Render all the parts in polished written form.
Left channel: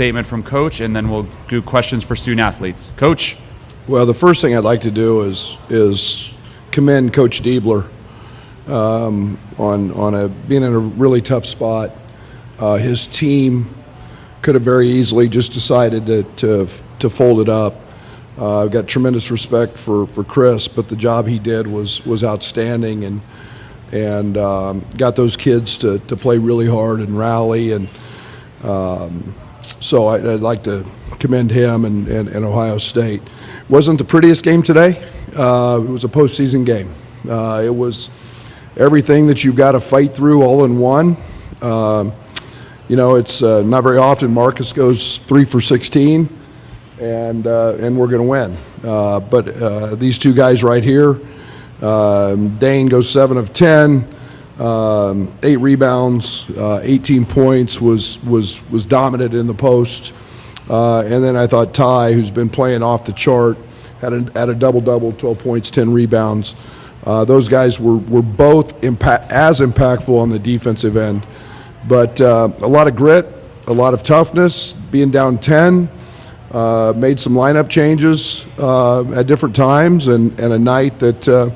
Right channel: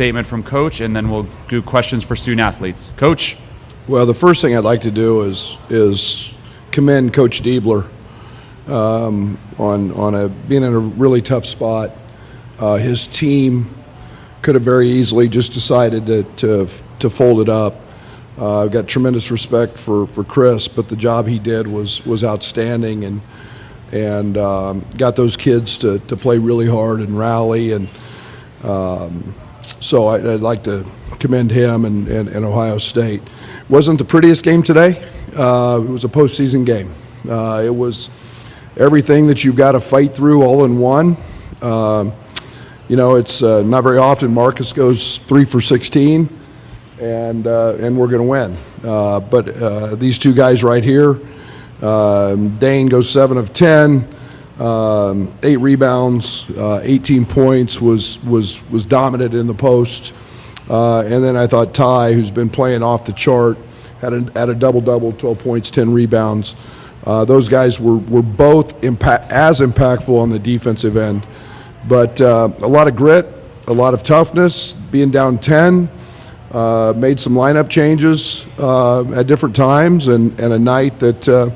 statement from Coach, and then we'll do questions for student athletes. Coach? Well, the first thing I'd like to do is commend Coach Diebler on being in a really tough spot. His team could have very easily just decided to fold it up. I've got tremendous respect for Chris, but the job he did was outstanding, and got those kids to play really hard and rally, and so I'd like to commend him and Ohio State. Wasn't the prettiest game today. It was a postseason game. It was everything that you've got to fight through all in one. It's not very often Marcus goes 3 for 16, and we're going to win. But these two guys right here, Dain goes 7 of 10, 8 rebounds, 18 points, was dominant in the post. And then I thought Ty, who's been playing off the chart, had a double-double, 12 points, 10 rebounds. Those guys were both as impactful on the defensive end. But a lot of grit, a lot of toughness, being down 10, made some lineup changes at different times, and a night that,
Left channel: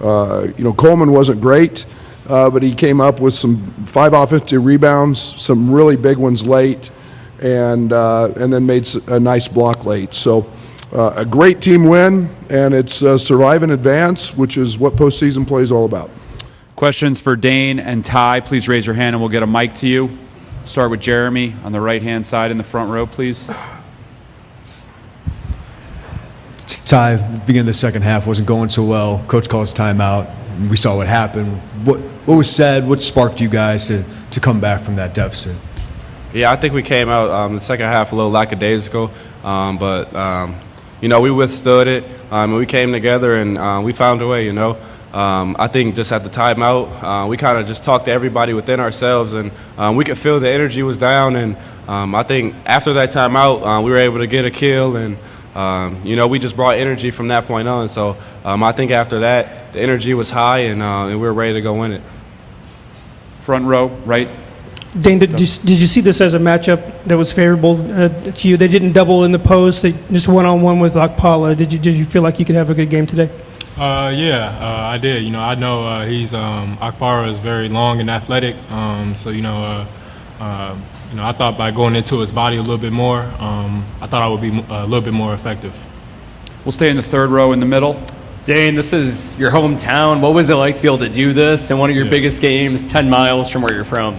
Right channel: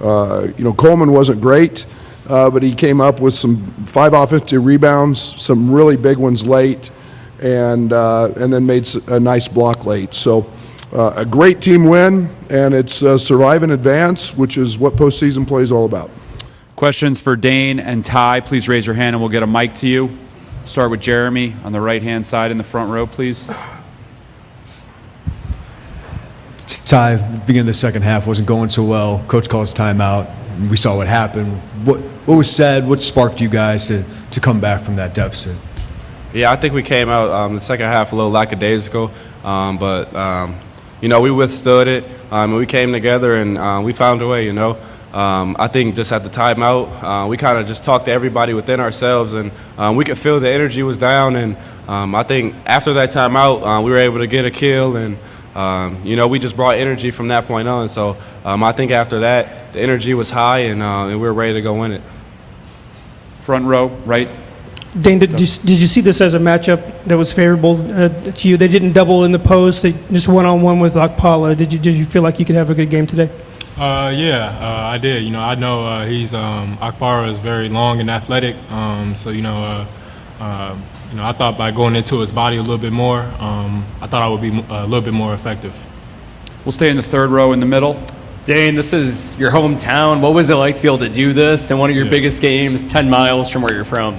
Coleman wasn't great, but he came up with some 5 offensive rebounds, some really big ones late, and then made a nice block late. So a great team win, and it's survive and advance, which is what postseason play is all about. Questions for Dain and Ty, please raise your hand and we'll get a mic to you. Start with Jeremy on the right-hand side in the front row, please. Ty, beginning of the second half wasn't going so well. Coach calls timeout. We saw what happened. What was said? What sparked you guys to come back from that deficit? Yeah, I think we came out the second half a little lackadaisical, but we withstood it. We came together and we found a way. I think just at the timeout, we kind of just talked to everybody within ourselves, and we could feel the energy was down. And I think after that timeout, we were able to get a kill, and we just brought energy from that point on. So I think after that, the energy was high, and we were ready to go win it. Front row, right. Dain, did you see this as a matchup that was favorable to you? They didn't double in the post; they just one-on-one with Akpala. Did you feel like you could have a good game today? I did. I know he's Akpara is very long and athletic. I thought by going into his body a little bit more, I thought I would be a little bit more effective. We'll stay in the third row in the middle. Dain, this is your hometown. What was it like to be able to do this in one of your biggest games, 10 miles from where you're from?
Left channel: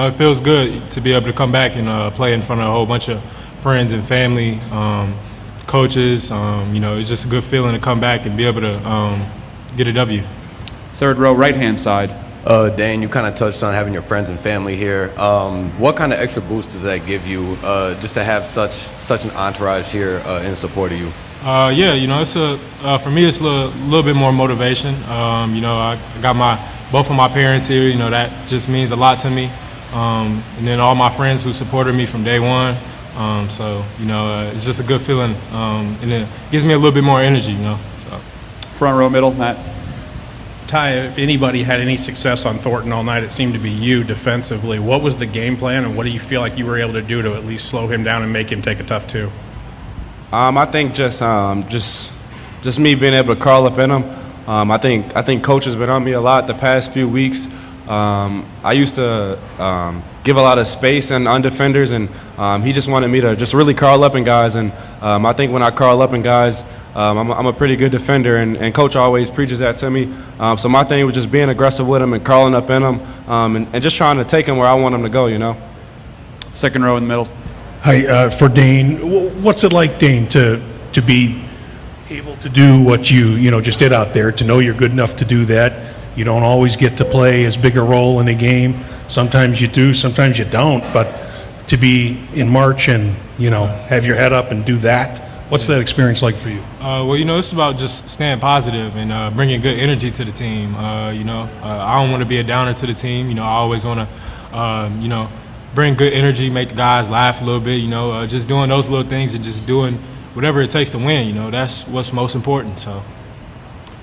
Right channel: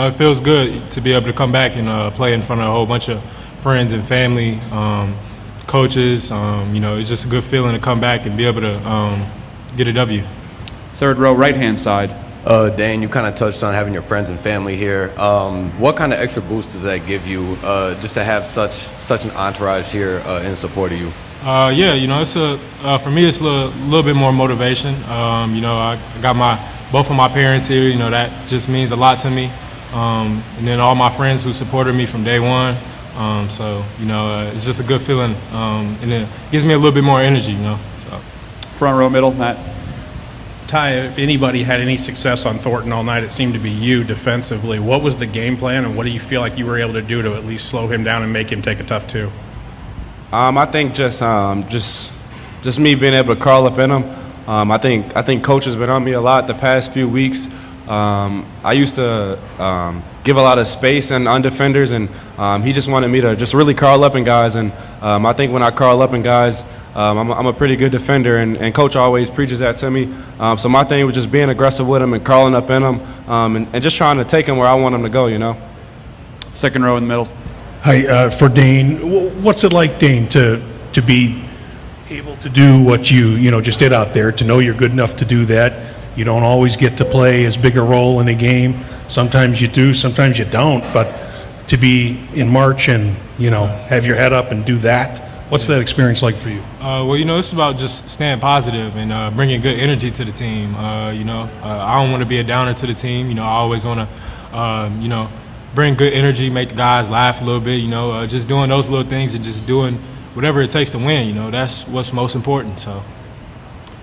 It feels good to be able to come back and play in front of a whole bunch of friends and family, coaches. It's just a good feeling to come back and be able to get a W. Third row, right-hand side. Dain, you kind of touched on having your friends and family here. What kind of extra boost does that give you just to have such an entourage here in support of you? It's for me, it's a little bit more motivation. I got both of my parents here. That just means a lot to me. And then all my friends who supported me from day one. It's just a good feeling, and it gives me a little bit more energy. So. Front row, middle, Matt. Ty, if anybody had any success on Thornton all night, it seemed to be you defensively. What was the game plan, and what do you feel like you were able to do to at least slow him down and make him take a tough two? I think just me being able to curl up in him. I think coach has been on me a lot the past few weeks. I used to give a lot of space on defenders, and he just wanted me to just really curl up in guys. And I think when I curl up in guys, I'm a pretty good defender, and coach always preaches that to me. So my thing was just being aggressive with him and curling up in him, and just trying to take him where I want him to go. Second row in the middle. Hi, for Dain, what's it like, Dain, to be able to do what you just did out there, to know you're good enough to do that? You don't always get to play as big a role in a game. Sometimes you do, sometimes you don't. But to be in March and, have your head up and do that, what's that experience like for you? It's about just staying positive and bringing good energy to the team. I don't want to be a downer to the team. I always want to, bring good energy, make the guys laugh a little bit, just doing those little things and just doing whatever it takes to win. That's what's most important. So.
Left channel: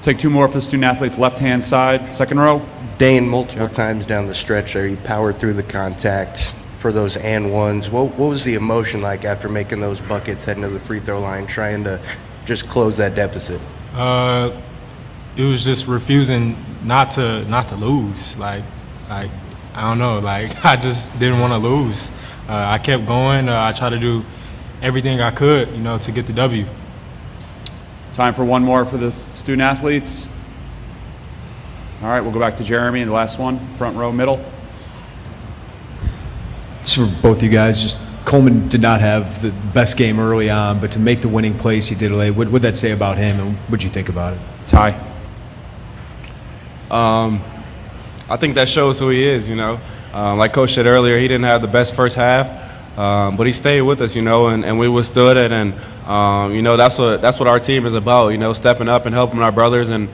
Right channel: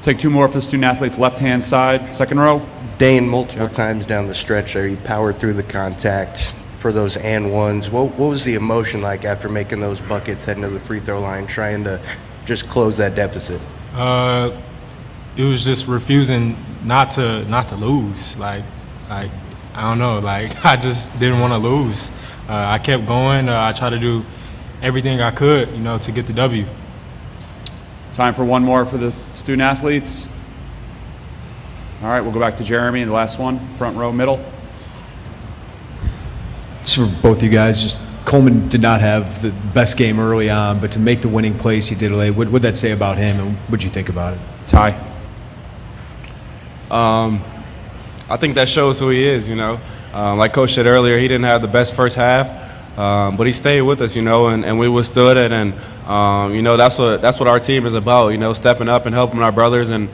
Take two more for the student athletes, left-hand side, second row. Dain, multiple times down the stretch there, he powered through the contact, for those and ones. What was the emotion like after making those buckets, heading to the free throw line, trying to just close that deficit? It was just refusing not to lose. Like I don't know. Like I just didn't want to lose. I kept going. I tried to do everything I could, to get the W. Time for one more for the student athletes. All right, we'll go back to Jeremy, the last one, front row, middle. It's for both you guys. Just Coleman did not have the best game early on, but to make the winning plays he did late, what would that say about him, and what'd you think about it? Ty. I think that shows who he is, Like Coach said earlier, he didn't have the best first half, but he stayed with us, and we withstood it. And, that's what our team is about, stepping up and helping our brothers. And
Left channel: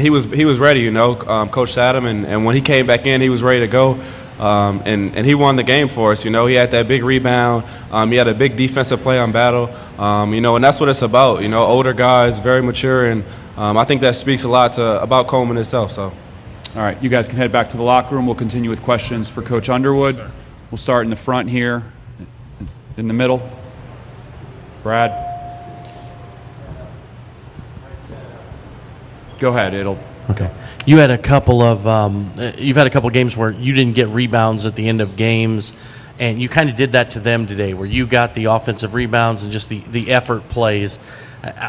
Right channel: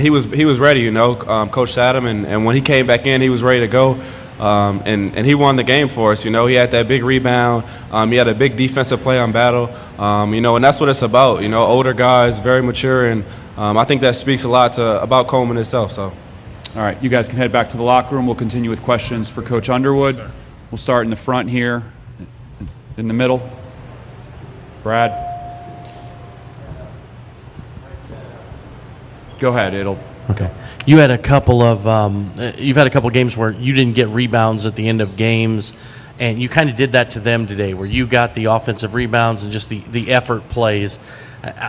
he was ready, Coach sat him, and when he came back in, he was ready to go. And he won the game for us, He had that big rebound. He had a big defensive play on Battle, and that's what it's about, older guys, very mature. And I think that speaks a lot about Coleman itself. So. All right, you guys can head back to the locker room. We'll continue with questions for Coach Underwood. We'll start in the front here, in the middle. Brad. Go ahead, Okay. You've had a couple games where you didn't get rebounds at the end of games, and you kind of did that to them today, where you got the offensive rebounds and just the effort plays.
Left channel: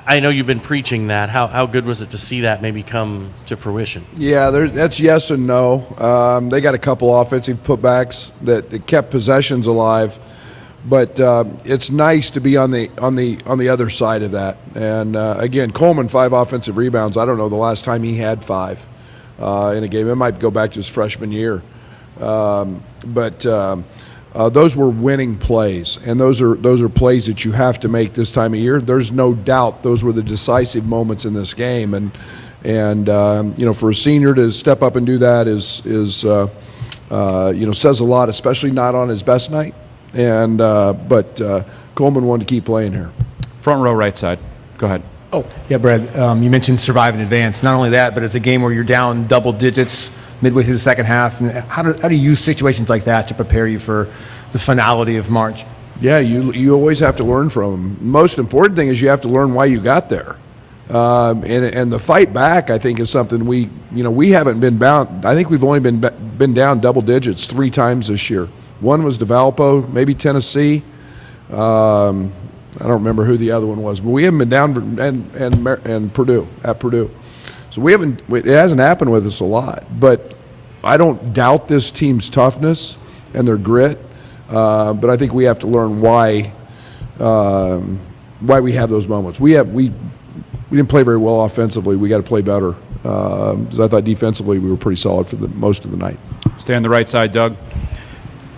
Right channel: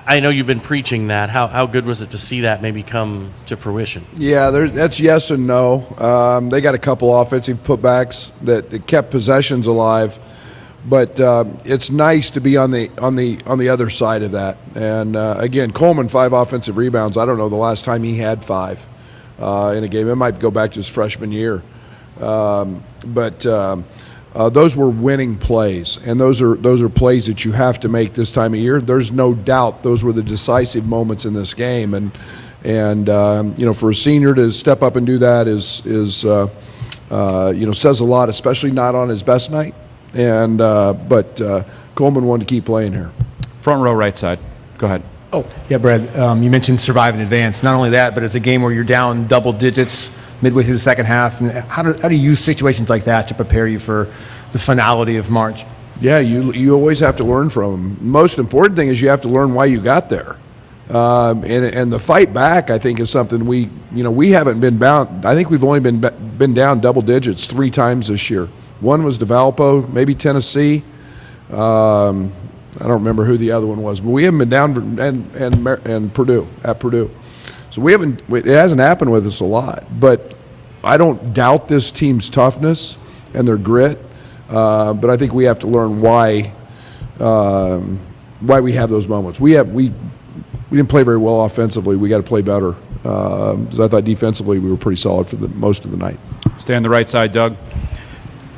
I know you've been preaching that. How good was it to see that maybe come to fruition? Yeah, that's yes and no. They got a couple offensive putbacks that kept possessions alive, but it's nice to be on the other side of that. And again, Coleman 5 offensive rebounds. I don't know the last time he had 5 in a game. It might go back to his freshman year, but. Those were winning plays, and those are plays that you have to make this time of year. There's no doubt those were the decisive moments in this game, and for a senior to step up and do that is says a lot, especially not on his best night. And but Coleman wanted to keep playing here. Front row, right side. Go ahead. Oh, yeah, Brad. You mentioned survive in advance. Not only that, but it's a game where you're down double digits midway through the second half. And how do you use situations like that to prepare you for the finality of March? Yeah, you always have to learn from them. Most important thing is you have to learn why you got there. And the fight back, I think, is something we haven't been bound. I think we've only been down double digits 3 times this year. One was DeValpo, maybe Tennessee. I don't remember who the other one was, but we haven't been down, and Purdue, at Purdue. So it hasn't happened with us a lot, but I don't doubt this team's toughness and their grit. But I think we have to learn why we have those moments. We didn't play very well offensively. We got to play better. Because I thought defensively we were pretty solid for the most of the night. Stay on the right side, Doug.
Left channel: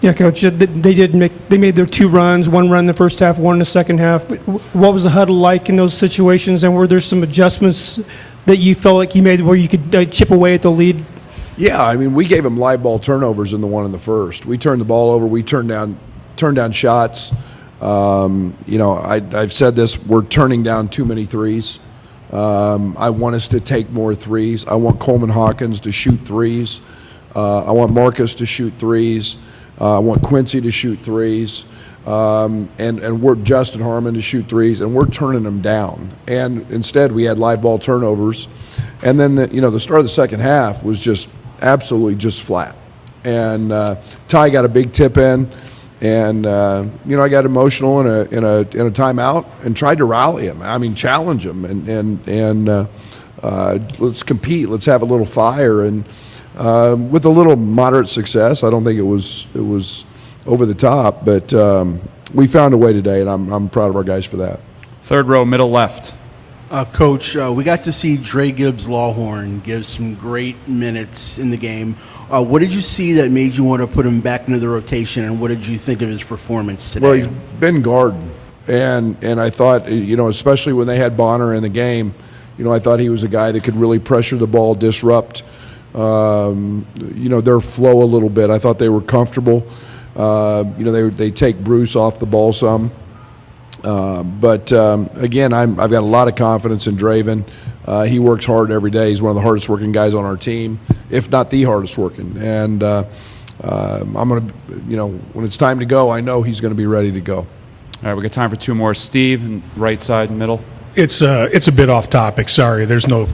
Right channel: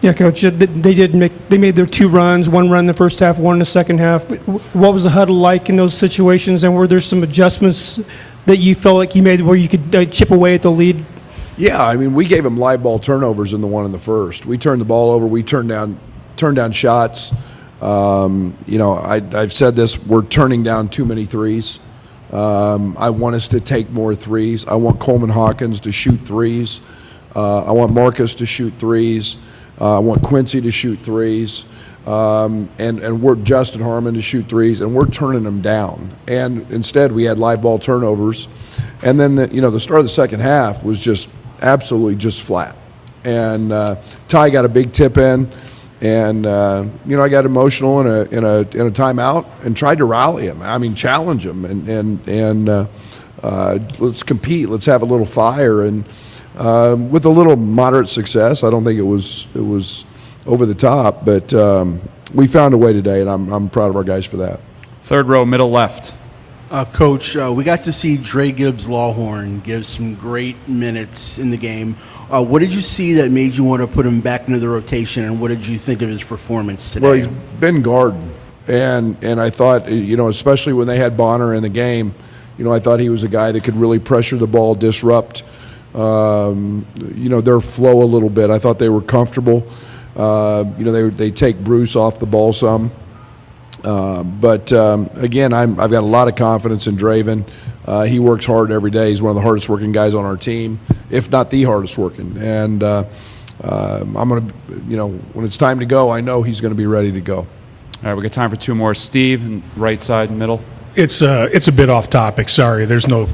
Yeah, Coach. They made their 2 runs. 1 run in the first half, 1 in the second half. What was the huddle like in those situations, and were there some adjustments that you felt like you made where you could chip away at the lead? Yeah, I mean, we gave them live ball turnovers in the one in the first. We turned the ball over. We turned down shots. I've said this. We're turning down too many threes. I want us to take more threes. I want Coleman Hawkins to shoot threes. I want Marcus to shoot threes. I want Quincy to shoot threes. And we're Justin Harmon to shoot threes, and we're turning them down. And instead, we had live ball turnovers. And then the start of the second half was just absolutely just flat. And Ty got a big tip in, and I got emotional in a timeout and tried to rally him. I mean, challenge him and let's compete. Let's have a little fire. And with a little moderate success, I don't think it was over the top, but we found a way today, and I'm proud of our guys for that. Third row, middle left. Coach, we got to see Dre Gibbs-Lawhorn give some great minutes in the game. What did you see that made you want to put him back into the rotation, and what did you think of his performance today? Well, he's been guarding, and I thought, especially when they had Bonner in the game, I thought he was a guy that could really pressure the ball, disrupt, their flow a little bit. I thought they were comfortable. They take Bruce off the ball some. But again, I've got a lot of confidence in Draven. He works hard every day. He's one of the hardest working guys on our team, if not the hardest working. And I'm going to, when it's time to go, I know he's going to be ready to go. All right, we got time for two more. Steve, and right side, middle. It's a bit off topic. Sorry, there's no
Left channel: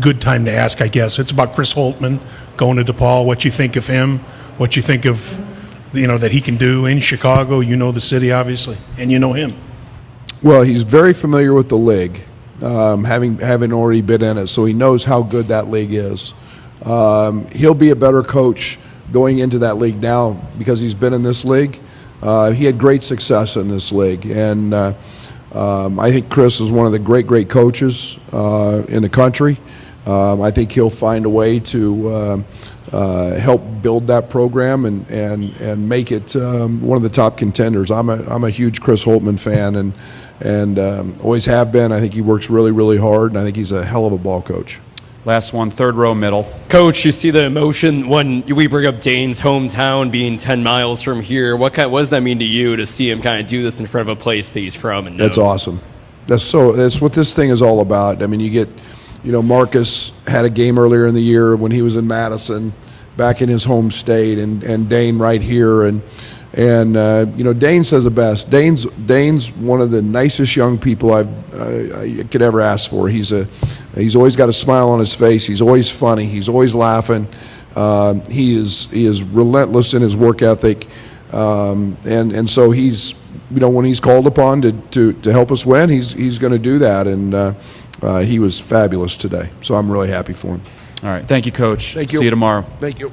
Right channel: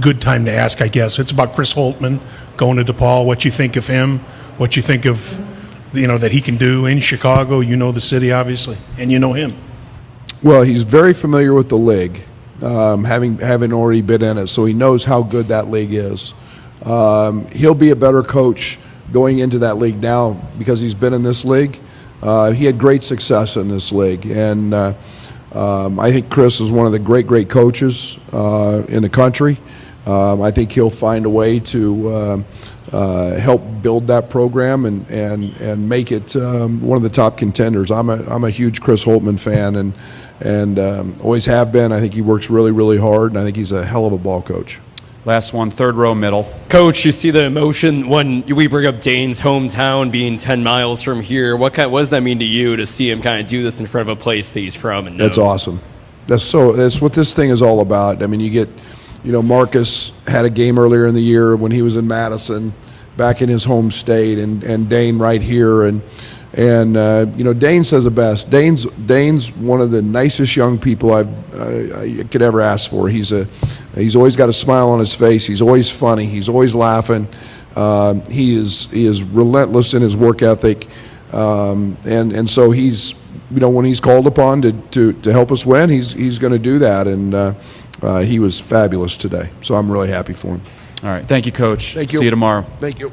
good time to ask, I guess. It's about Chris Holtman going to DePaul. What you think of him? What you think of, that he can do in Chicago? You know the city, obviously, and you know him. Well, he's very familiar with the league, having already been in it, so he knows how good that league is. He'll be a better coach going into that league now because he's been in this league. He had great success in this league, and I think Chris is one of the great coaches in the country. I think he'll find a way to help build that program and make it one of the top contenders. I'm a huge Chris Holtman fan, and always have been. I think he works really hard, and I think he's a hell of a ball coach. Last one, third row, middle. Coach, you see the emotion when we bring up Dain's hometown being 10 miles from here. What does that mean to you to see him kind of do this in front of a place that he's from? And That's awesome. That's what this thing is all about. I mean, you get, Marcus had a game earlier in the year when he was in Madison, back in his home state, and Dain right here, and Dain says it best. Dain's one of the nicest young people I could ever ask for. He's always got a smile on his face. He's always funny. He's always laughing. He is relentless in his work ethic, and so he's when he's called upon to help us win, he's going to do that, and he was fabulous today. So I'm really happy for him. All right, thank you, Coach. Thank you. See you tomorrow. Thank you.